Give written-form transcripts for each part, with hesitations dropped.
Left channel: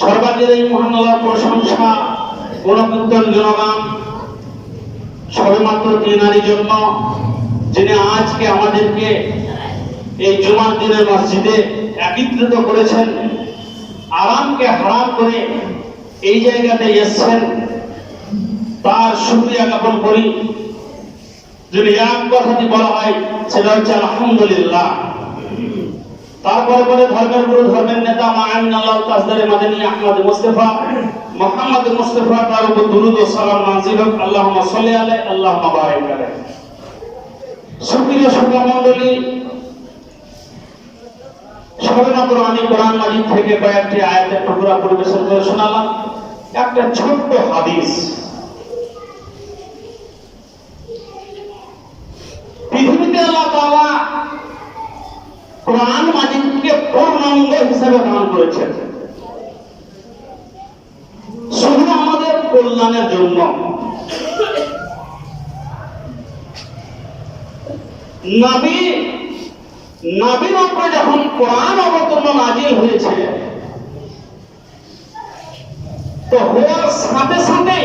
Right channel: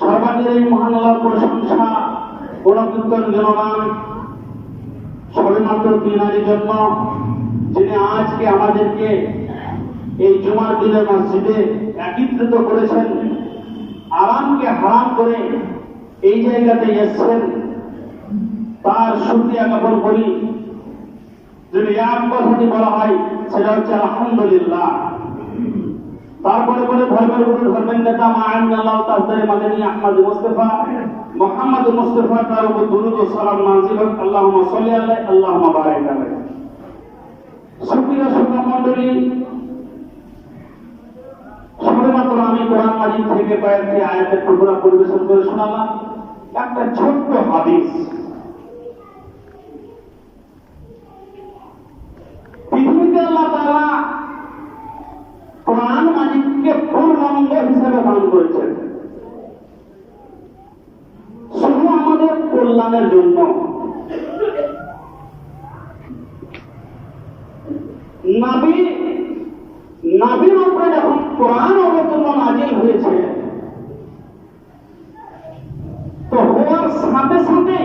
সর্বাগ্রে এই মহান আল্লাহর প্রশংসা গুণকীর্তন গুণগান সবেমাত্র তিনারই জন্য, যিনি আজকে আমাদেরকে এই জুমার দিনের মসজিদে একত্রিত করেছেন, আরামকে হারাম করে এই জায়গাতে এসছেন। তার শুকরিয়া জ্ঞাপন করি। যদি এক কথাটি বলা হয় সেটা হচ্ছে আলহামদুলিল্লাহ। তারপরে পরে ধর্মের গুরু, ধর্মের নেতা মাআমিন আল্লাহ তাজদারে মাদানী আহমদ মুস্তাফা মুহাম্মদ মুস্তাফা তার উপর দুরূদ ও সালাম নাযিল হোক। আল্লাহুম্মা সাল্লি আলাইহি আল্লাহুম্মা বারিক আলাইহি। সুপ্রিয় শ্রোতা মণ্ডলী, সবেমাত্র আমি কোরআন মাজিদ থেকে কয়েকটি আয়াতের টুকরা পরিবেশন করে শোনালাম। একটা ছোট্ট হাদিস। পৃথিবীতে আল্লাহ তাআলা কোরআন মাজিদকে পূর্ণাঙ্গ হিসেবে দান করেছেন, শুধু আমাদের কল্যাণের জন্য। নবীর উপরে যখন কোরআন অবতীর্ণ নাজিল হয়েছে, তো হওয়ার সাথে সাথে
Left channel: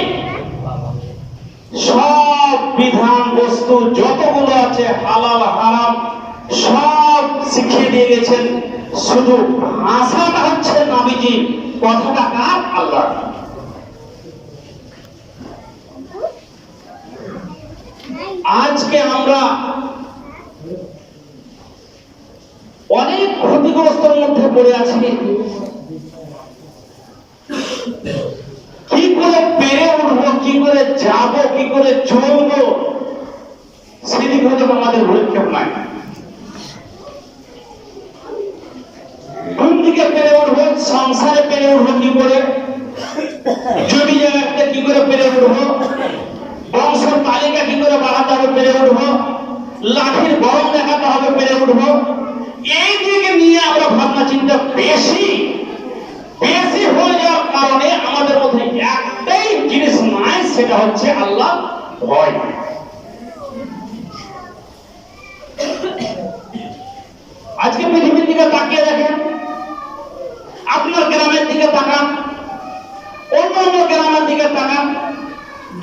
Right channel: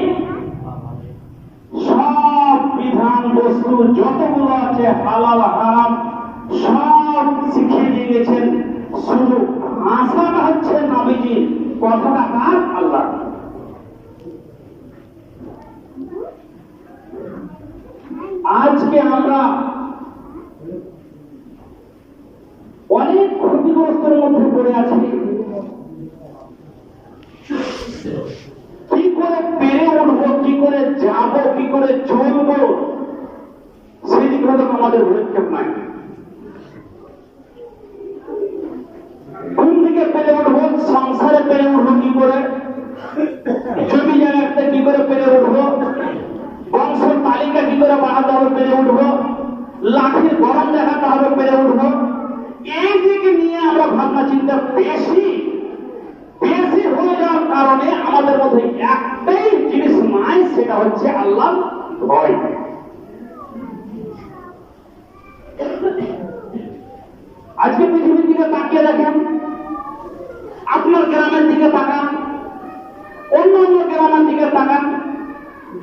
সব বিধান বস্তু যতগুলো আছে হালাল হারাম সব শিখিয়ে দিয়ে গেছেন। শুধু আশাটা হচ্ছে নবীজি কথাটা কার? আল্লাহ। আজকে আমরা অনেক ক্ষতিগ্রস্তের মধ্যে পড়ে আছি। কি করে পেরে উঠবো, কি করে যাব, কি করে চলবো, সেদিক হয়তো আমাদের ভূক্ষেপ নাই। কোন দিকে পেরে উঠবো, সংসারে পেরে উঠবো কি করে, জমি জায়গাতে কি করে পেরে উঠবো, বংশের তালিকা কি করে বাড়াতে হবে পেরে উঠবো, লাঠির গরম দেখাতে হবে পেরে উঠবো, এই দিকে নিয়ে আমরা ভাবনা চিন্তা বেশি হয়ে যাওয়ার কারণে আমাদের মধ্যে একটাই জিনিস নাই, সেটা হচ্ছে আল্লাহ ভয়। আজকে পৃথিবীর দিকে তাকিয়ে দেখেন, আপনার গ্রামের দিকে তাকান, অন্য অন্য গ্রামের দিকে তাকান,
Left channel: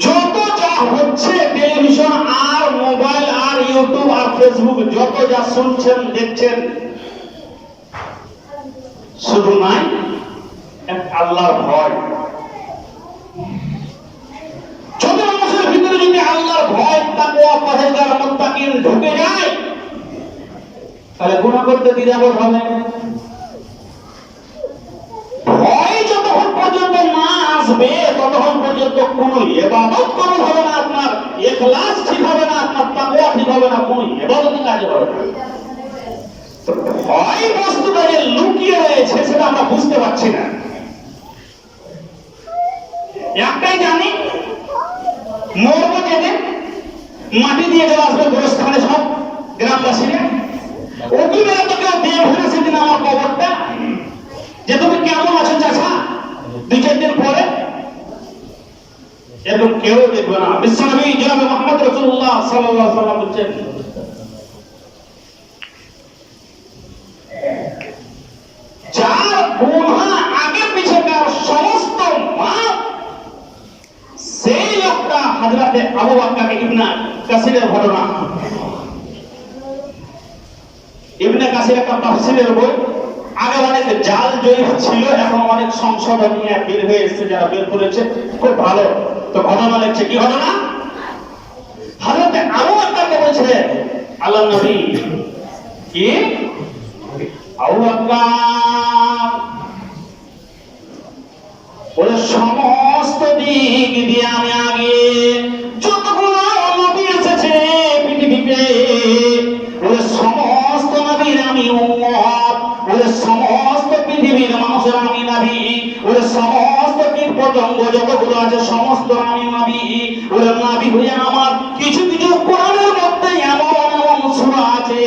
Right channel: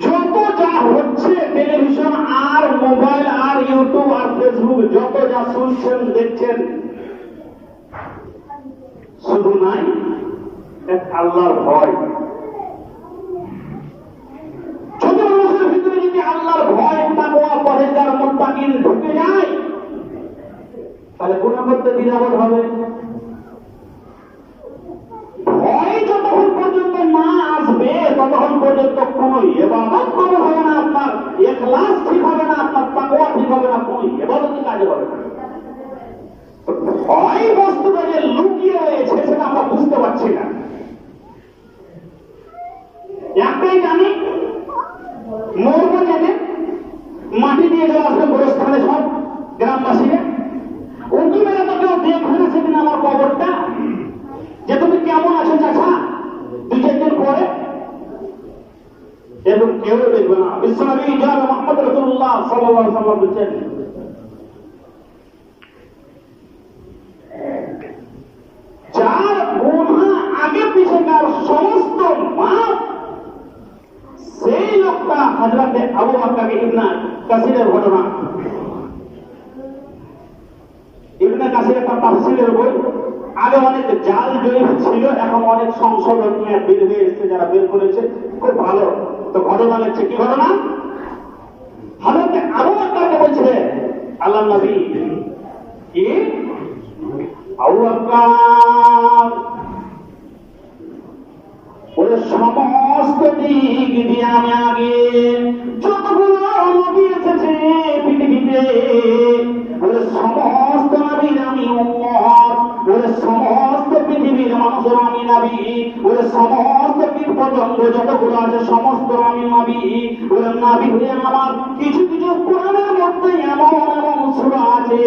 যত যা হচ্ছে টেলিভিশন আর মোবাইল আর ইউটিউব আর ফেসবুক, যত যা শুনছেন দেখছেন, শুধু নাই এক আল্লাহর ভয়। ছোট মানুষের ভিতরে যদি আল্লাহর ভয়, তাকওয়া, পরহেজগার, মুত্তাকিন ঢুকে যায়, তাহলে গুনাহ করতে দ্বিধাবোধ হবে। ভয় যতক্ষণ পর্যন্ত না আসবে ততক্ষণ পর্যন্ত কোনো ইবাদত কবুল হবে না, আপনার ইখলাস ঠিক হবে না, আপনার তাকওয়া ঠিক হবে না, কোনো ইবাদতই কাজে হবে না। ভয় বস্তুটা যে লুকিয়ে রয়েছে সেটা আমরা বুঝতে পারছি না। একটাই জানি, মরবো যেদিন মাটি দিয়ে চলে আসবে গোরস্থানে সব গ্রামবাসীরা, ওকে মেরে তো কেউ দেখবে না সেদিন আমার কবরটা, যে তুমি কেমন আছো চাচা, 2-4 দিন পরে এরকম কেউ দেখবে না। বিশ্বনবী জনাব মুহাম্মদ রাসূলুল্লাহ সাল্লাল্লাহু আলাইহি ওয়াসাল্লাম বলেছেন, যার গুনাহ আগে পিছনের সমস্ত মাপ, সেই লোকটা হযরতে আবু বকর ইবনে কাসিরের ঘটনা। ইবনে কাসির একটা তাফসীরের বই, আগে অনেক জাল জয়ীফ ছিল, এখন অনেক সংশোধন নিয়ে বের হয়ে এসেছে, যারা বের করেছে খুব ভালো। তো ঘটনা লিখছে, কি ঘটনা? হযরতে আবু বকরকে বলছে আল্লাহর নবী, কি আবু বকর, ওরে সমস্ত দিক দিয়ে আমি আগে যতগুলো নবী এসেছে পৃথিবীতে, ওরে সমস্ত নবীর আমি উম্মত, ওরে সমস্ত পৃথিবীর মানুষের আমি নবী, ওরে সমস্ত কীট পতঙ্গ যতগুলো আছে সমস্ত আমি নবী। ওরে নবী হয়ে আমার কিছু কিছু কোরআনের মধ্যে এমন এমন সূরা আছে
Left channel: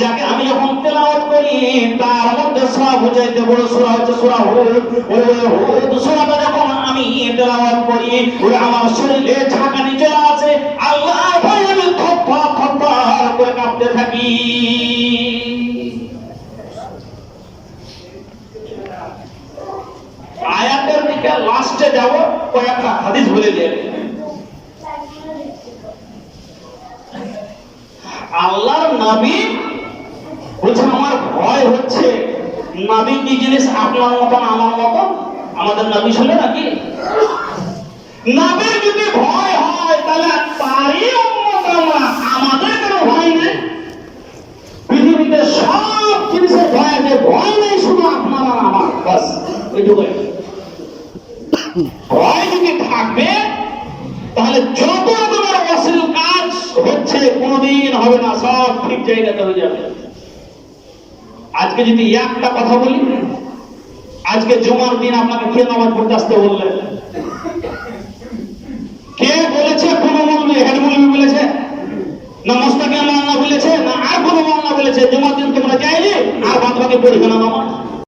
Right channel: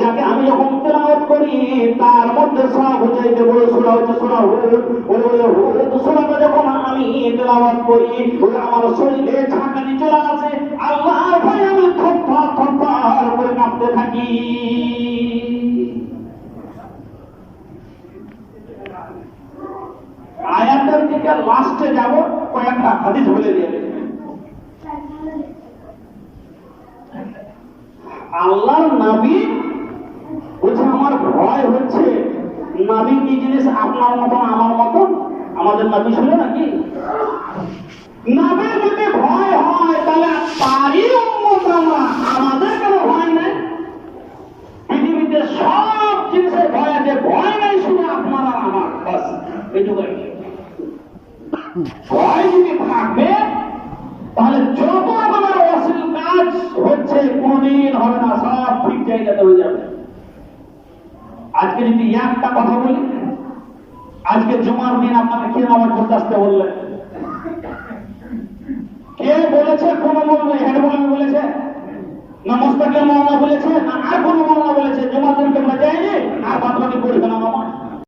যাকে আমি যখন তেলাওয়াত করি তার মধ্যে সবচাইতে বড় সূরা হচ্ছে সূরা হুদ। ওরে হুদ সূরাটা যখন আমি তেলাওয়াত করি, ওরে আমার শরীরে ঝাঁকানি চলে আসে, আল্লাহর ভয়ে আমি থরথর থরথর করে কাঁপতে থাকি। আয়াত লাস্টে যাব কয়েকটা হাদিস বলে দিয়ে আল্লাহর নবী বলছে আমার ভয় হচ্ছে নবী কি জিনিস আপনার মতন আমার মতন আমাদের নবী ছিল নাকি নবীর যদি ভয় হয় তাহলে তারই উম্মত আমরা আমাদের কোনো ভয় নেই পৃথিবীতে সব জিনিসের ভয় আছে ভয় নেই শুধু আপনার আর আমার বাস এইটুকু ভয় যদি থাকবে তাহলে যত রকমের অশ্লীল কাজ হচ্ছে কোনোদিন হবে না সব ঠিক জায়গাতে হয়ে যাবে আজকে যদি একটা কথা বলি আজকে জুমার দিন আপনাকে কে নামাজ পড়তে আসতে বললেন কে বলেছে কোন মৌলবী হেড মৌলবী বলেছে না মোস্তাকিম মাওলানা বলেছে না আর কোন মাওলানা বলেছে জুমার দিন তোমরা যাইলে আর বাদ বাকি পড়বে না নামাজ